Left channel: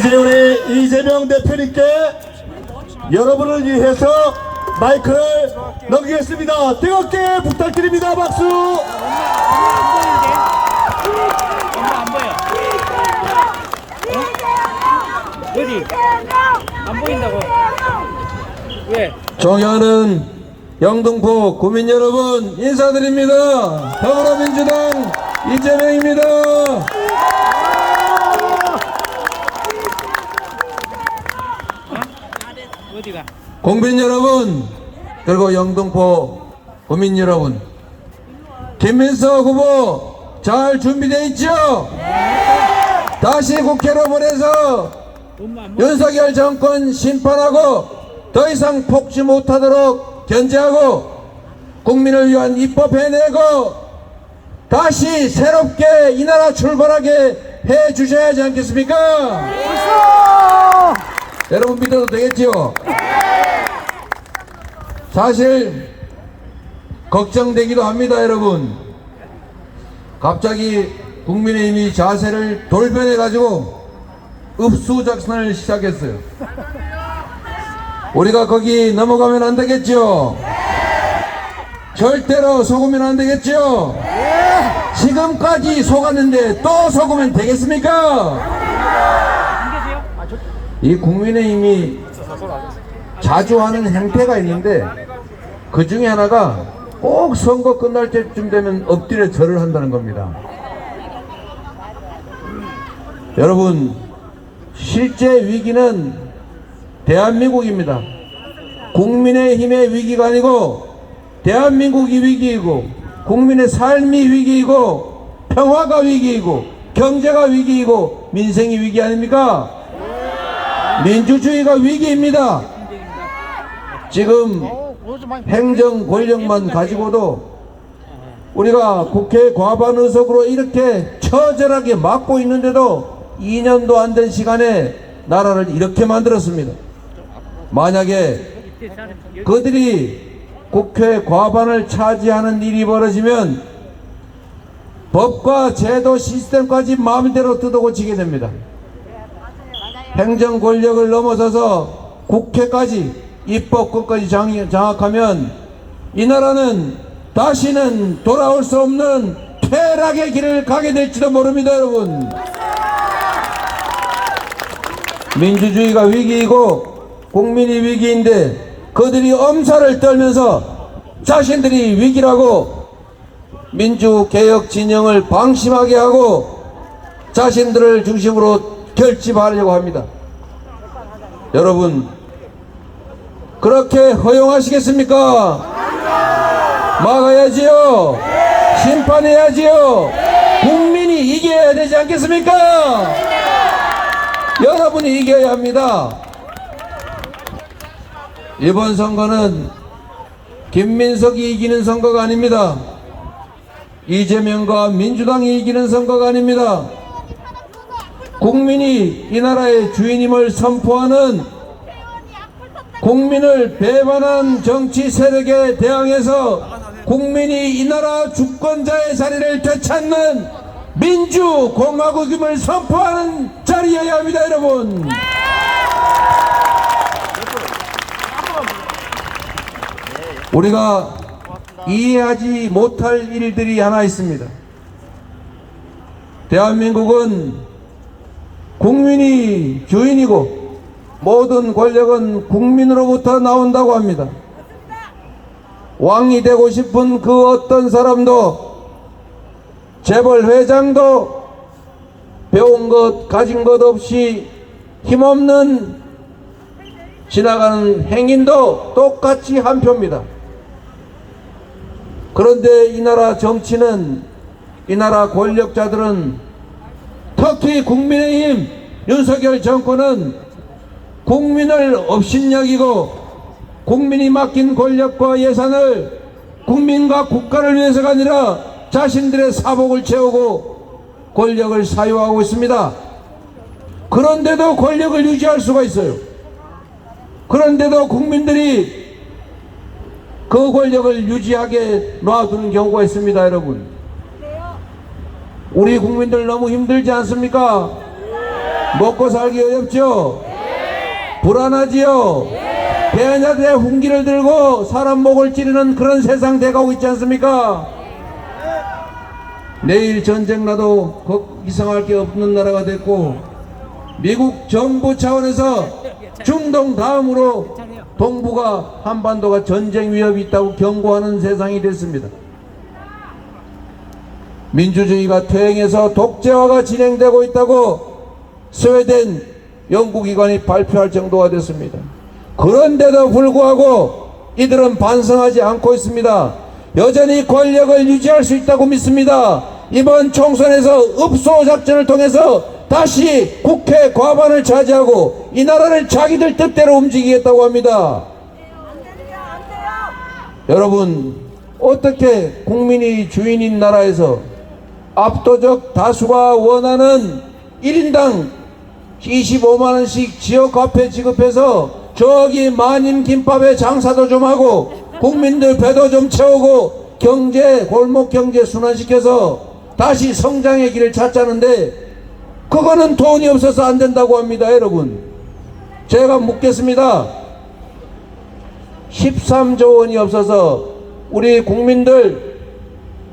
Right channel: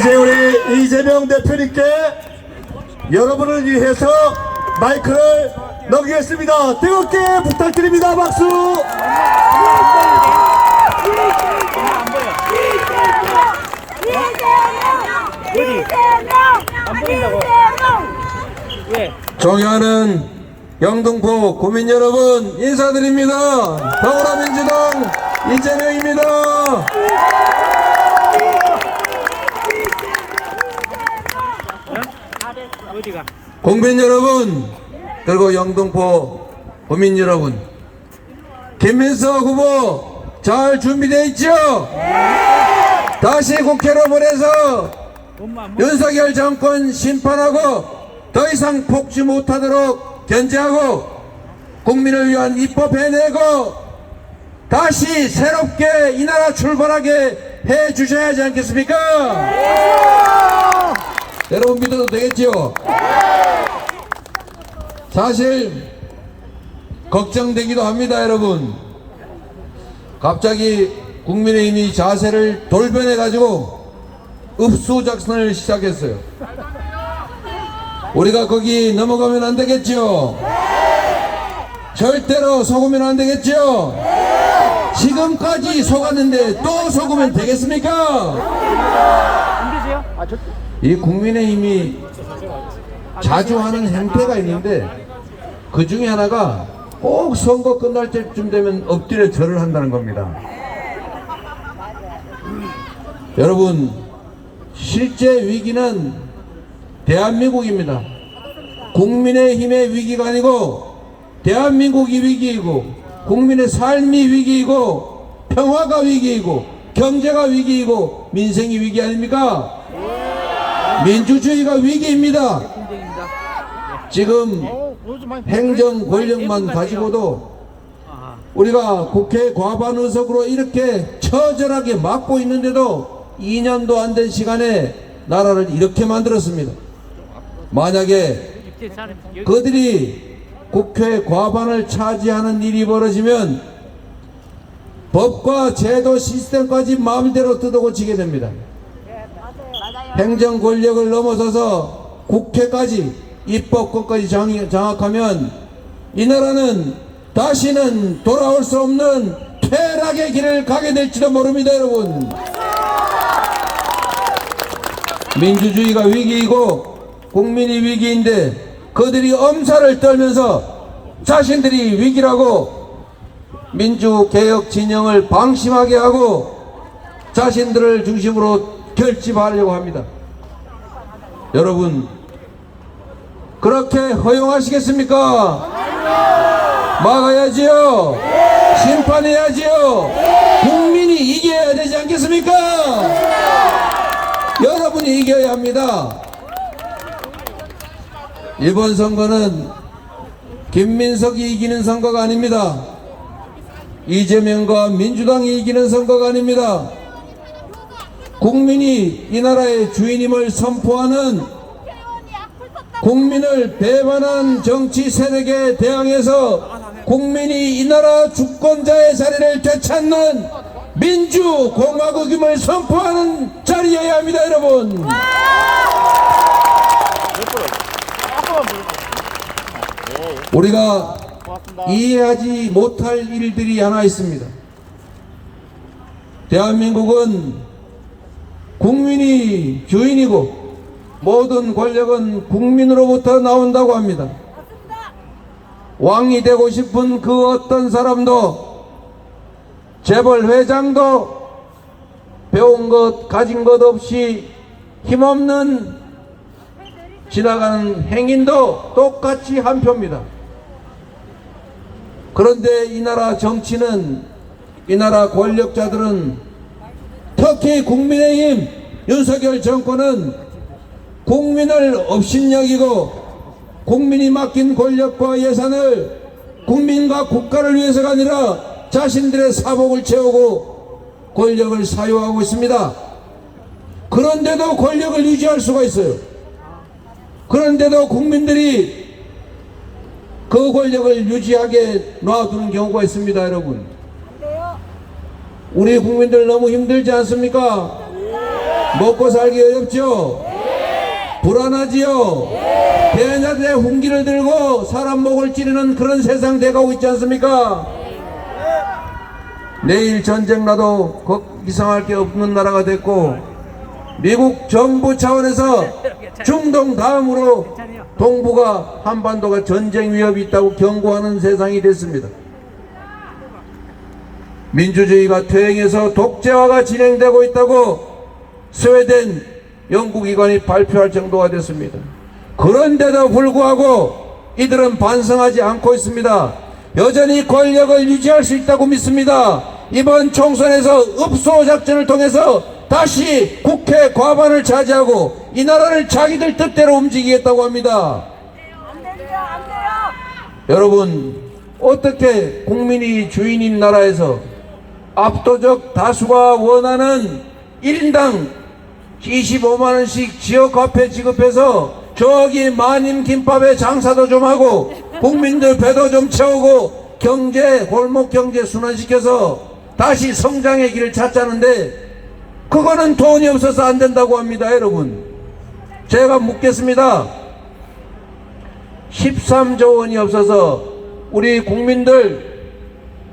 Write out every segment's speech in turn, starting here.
이제 우리 이재명 대표님께 여러분을 위해서 마이크를 넘기겠습니다. 뜨겁게 부탁드립니다. 박수. 엄마 안 보이는데? 엄마 안 보여. 어? 어디? 안 보인다고? 왜? 존경하는 영등포 구민 여러분 인사드립니다. 더불어민주당 이재명입니다. 어디가? 국민 여러분 그리고 영등포 구민 여러분, 김민석 후보 잘 준비되어 있죠? 다시 국회로 보내서 엄마 안 보여. 윤석열 정권 심판하고 더 이상 폭주 못하도록 견제하고 국민을 위한 입법 해내고 다시 새롭게 이 나라 출발하게 해 주셔야 하지 않겠습니까? 여러분 믿어도 되겠지요? 사실 걱정되기도 합니다. 여러분, 갑자기 국민의힘이 자세를 돌변해 가지고 읍수작전을 시작했어요. 우리가 거기 넘어가면 안 되겠죠? 절대로 속으면 안 되겠죠? 지금까지 속았는데 또 속으면 되겠습니까? 이 국민의힘이 자주 하는 행태가 있는데 그 중에 하나가 꼭 선거 끝날 때쯤 되면 엎드려 절을 한다는 겁니다. 여러분, 실제 위기는 대한민국입니다. 국민의힘의 위기가 아니고 대한민국이 위기이고 국민의 삶이 위기이고 평화가 위기이고 경제가 위기이고 민생이 위기 아닙니까? 민주주의가 위기입니다. 지금 행정 권력만 가지고도 우리가 국회 과반 의석으로 이렇게 처절하게 막고 있는데도 2년도 안 된 시간에 나라를 이렇게 만들었습니다. 만약에 그들이 국회 과반을 차지하는 일이 벌어지면 법과 제도 시스템까지 마음대로 뜯어고치게 됩니다. 행정 권력을 넘어서서 국회까지 입법권까지 장악하면 이 나라는 다시는 돌아올 수 없는 퇴락의 길을 가게 될지도 모릅니다. 여러분, 민주주의가 위기이고 국민이 위기인데 그들이 엄살을 떨면서 자신들이 위기라고 민주개혁 진영을 방심하게 하고 자신들을 중심으로 결집하려고 합니다. 여러분, 그렇게 허용하시겠습니까? 막아야지요. 심판해야지요. 국민이 이겨야 되지 않겠습니까? 여러분이 이겨야 합니다. 이번 선거는 김민석이 이기는 선거가 아닙니다. 이재명과 민주당이 이기는 선거가 아닙니다. 국민이 이 나라의 주인임을 선포하는 국민을 배반한 정치 세력에 대항해서 국민이 이 나라 주권자의 자리를 되찾는 민주공화국임을 선포하는 자리여야 합니다. 여러분, 우리가 이해하지 못할 일들이 하나 있습니다. 대한민국은 국민이 주인이고 모든 권력은 국민으로부터 나온다고 합니다. 왕이 되고 싶은 그 어떤 사람도 재벌 회장도 배운 것 가진 것 없이 힘없는 지나가는 행인도 똑같이 한 표입니다. 그런데 이 나라 정치는, 이 나라 권력자들은, 특히 국민의힘 윤석열 정권은 국민을 업신여기고 국민이 맡긴 권력과 예산을 국민과 국가를 위해서가 아니라 자신들의 사복을 채우고 권력을 사유하고 있습니다. 그런데도 권력을 유지할 수가 있어요. 그런데도 국민들이 그 권력을 유지하게 놔두는 경우가 있습니다. 여러분, 우리 국민들 너무 힘들지 않습니까? 먹고 살기 어렵죠? 불안하지요? 대안자들의 훈기를 들고 사람 목을 찌르는 그런 세상 돼가고 있지 않습니까? 내일 전쟁 나도 이상할 게 없는 나라가 됐고, 미국 정부 차원에서 중동 다음으로 동북아 한반도가 전쟁 위협이 있다고 경고하는 세상이 됐습니다. 민주주의가 퇴행해서 독재화가 진행되고 있다고 스웨덴 연구기관이 발표할 정도가 됐습니다. 그런데도 불구하고 이들은 반성하지 않고 있습니다. 여전히 권력을 유지할 수 있다고 믿습니다. 이번 총선에서 읍소 작전을 통해서 다시 국회 과반을 차지하고 이 나라를 자기들 뜻대로 움직이겠다고 합니다. 안 돼요, 안 돼요. 여러분, 어떻게 국민이 주인인 나라에서 압도적 다수가 원하는 1인당 25만원씩 지역화폐 지급해서 저기 마님 김밥에 장사도 좀 하고 국민들 배도 좀 채우고 경제, 골목 경제 순환시켜서 다시 성장의 길을 찾자는데 그거는 돈이 없어서 안 된다고 합니다. 여러분, 제가 묻겠습니다. 13조 원이 없어서 우리 국민들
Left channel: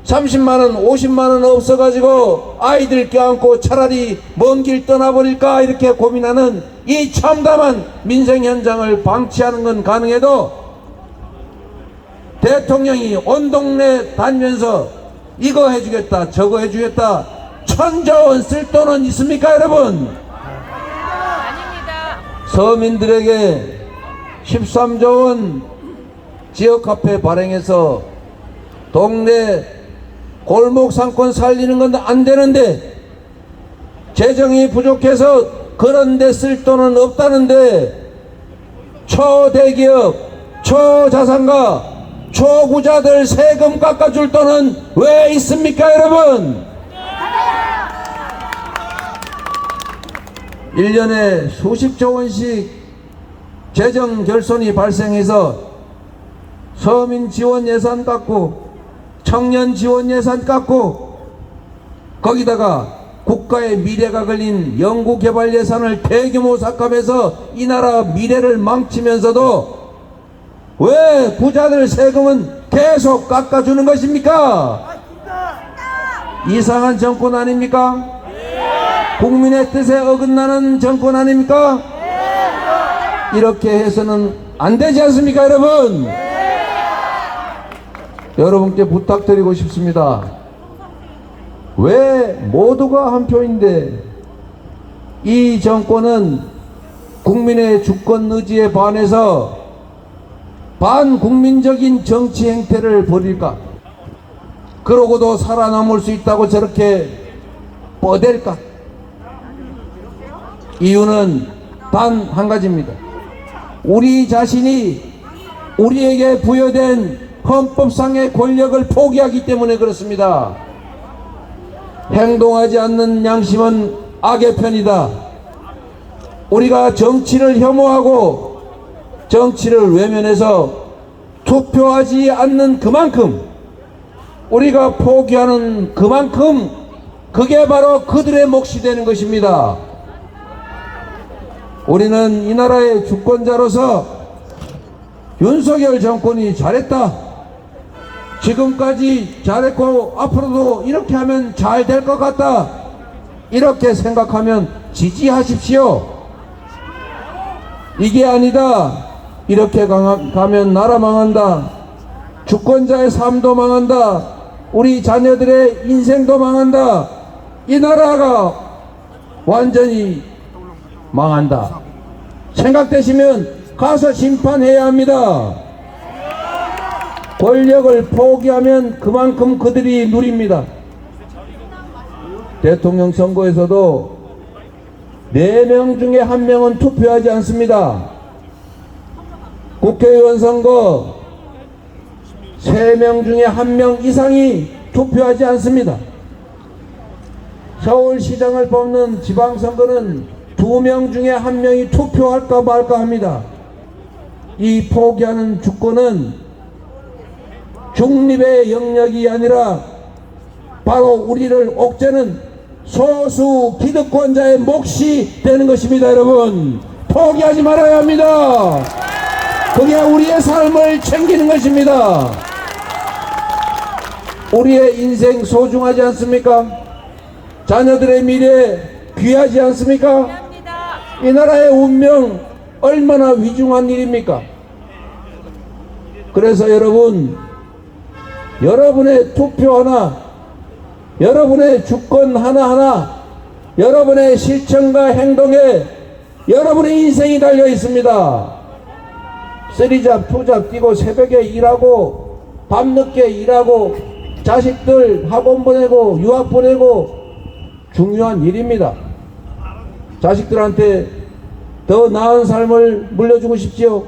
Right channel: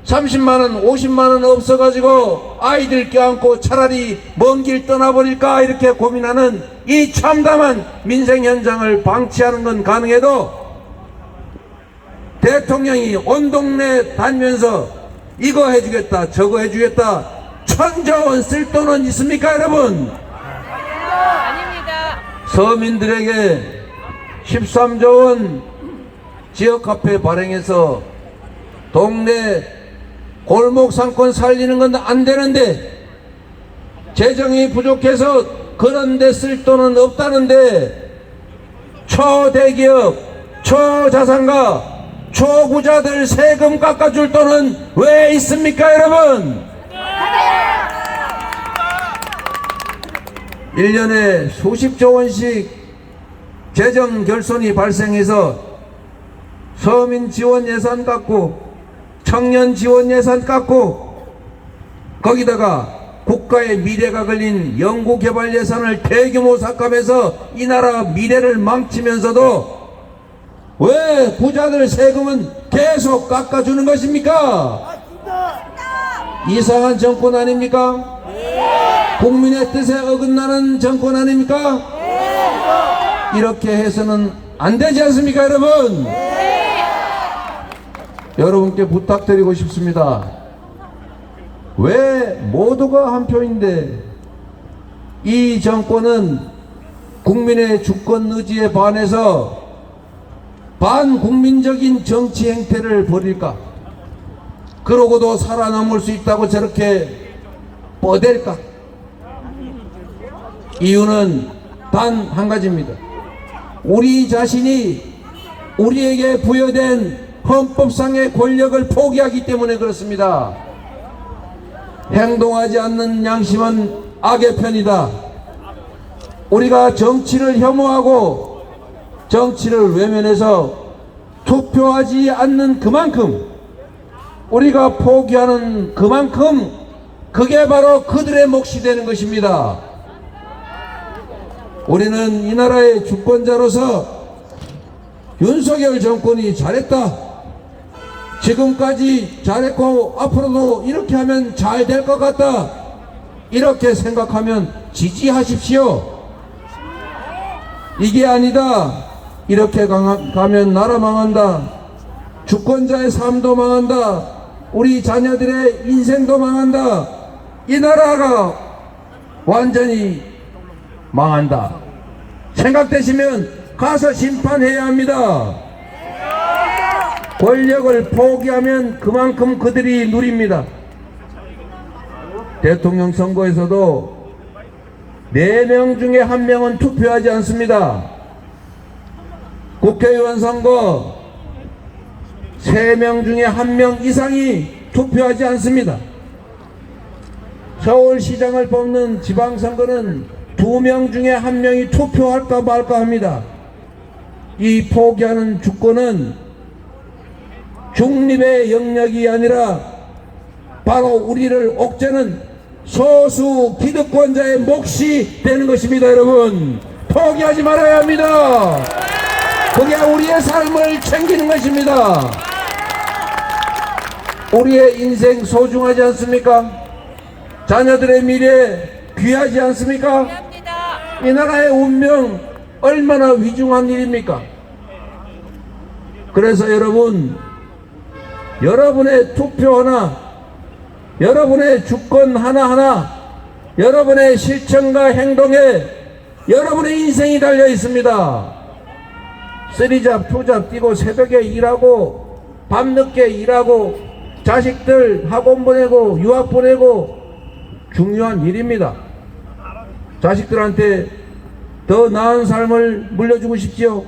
30만원 50만원 없어가지고 아이들 껴안고 차라리 먼 길 떠나버릴까 이렇게 고민하는 이 참담한 민생 현장을 방치하는 건 가능해도 대통령이 온 동네 다니면서 이거 해주겠다 저거 해주겠다 1000조 원 쓸 돈은 있습니까 여러분? 서민들에게 13조 원 지역화폐 발행해서 동네 골목 상권 살리는 건 안 되는데 재정이 부족해서 그런 데 쓸 돈은 없다는데 초대기업, 초자산가, 초부자들 세금 깎아줄 돈은 왜 있습니까 여러분? 1년에 수십조 원씩 재정 결손이 발생해서 서민 지원 예산 깎고 청년 지원 예산 깎고 거기다가 국가의 미래가 걸린 연구개발 예산을 대규모 삭감해서 이 나라 미래를 망치면서도 왜 부자들 세금은 계속 깎아주는 것입니까? 이상한 정권 아닙니까? 국민의 뜻에 어긋나는 정권 아닙니까? 이렇게 해서는 안 되지 않습니까 여러분? 여러분께 부탁드리고 싶습니다. 왜 모두가 한 표인데 이 정권은 국민의 주권 의지에 반해서 반국민적인 정치 행태를 벌일까? 그러고도 살아남을 수 있다고 저렇게 뻗댈까? 이유는 단 한 가지입니다. 우리 자신이 우리에게 부여된 헌법상의 권력을 포기하기 때문에 그렇습니다. 행동하지 않는 양심은 악의 편이다. 우리가 정치를 혐오하고 정치를 외면해서 투표하지 않는 그만큼 우리가 포기하는 그만큼 그게 바로 그들의 몫이 되는 것입니다. 우리는 이 나라의 주권자로서 윤석열 정권이 잘했다, 지금까지 잘했고 앞으로도 이렇게 하면 잘 될 것 같다, 이렇게 생각하면 지지하십시오. 이게 아니다, 이렇게 가면 나라 망한다, 주권자의 삶도 망한다, 우리 자녀들의 인생도 망한다, 이 나라가 완전히 망한다 생각되시면 가서 심판해야 합니다. 권력을 포기하면 그만큼 그들이 누립니다. 대통령 선거에서도 4명 중에 1명은 투표하지 않습니다. 국회의원 선거 3명 중에 1명 이상이 투표하지 않습니다. 서울시장을 뽑는 지방선거는 2명 중에 1명이 투표할까 말까 합니다. 이 포기하는 주권은 중립의 영역이 아니라 바로 우리를 옥죄는 소수 기득권자의 몫이 되는 것입니다. 여러분, 포기하지 말아야 합니다. 그게 우리의 삶을 챙기는 것입니다. 우리의 인생 소중하지 않습니까? 자녀들의 미래 귀하지 않습니까? 이 나라의 운명 얼마나 위중한 일입니까? 그래서 여러분, 여러분의 투표 하나, 여러분의 주권 하나하나, 여러분의 실천과 행동에 여러분의 인생이 달려 있습니다. 쓰리잡, 투잡 뛰고 새벽에 일하고 밤늦게 일하고 자식들 학원 보내고 유학 보내고 중요한 일입니다. 자식들한테 더 나은 삶을 물려주고 싶지요.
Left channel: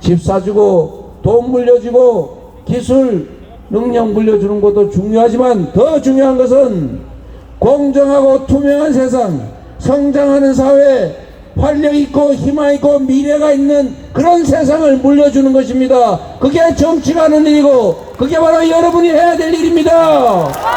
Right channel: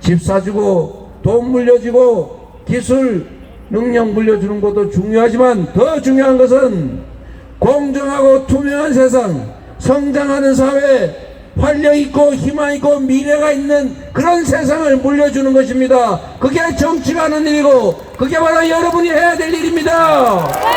집 사주고 돈 물려주고 기술 능력 물려주는 것도 중요하지만 더 중요한 것은 공정하고 투명한 세상, 성장하는 사회, 활력있고 희망있고 미래가 있는 그런 세상을 물려주는 것입니다. 그게 정치가 하는 일이고 그게 바로 여러분이 해야 될 일입니다.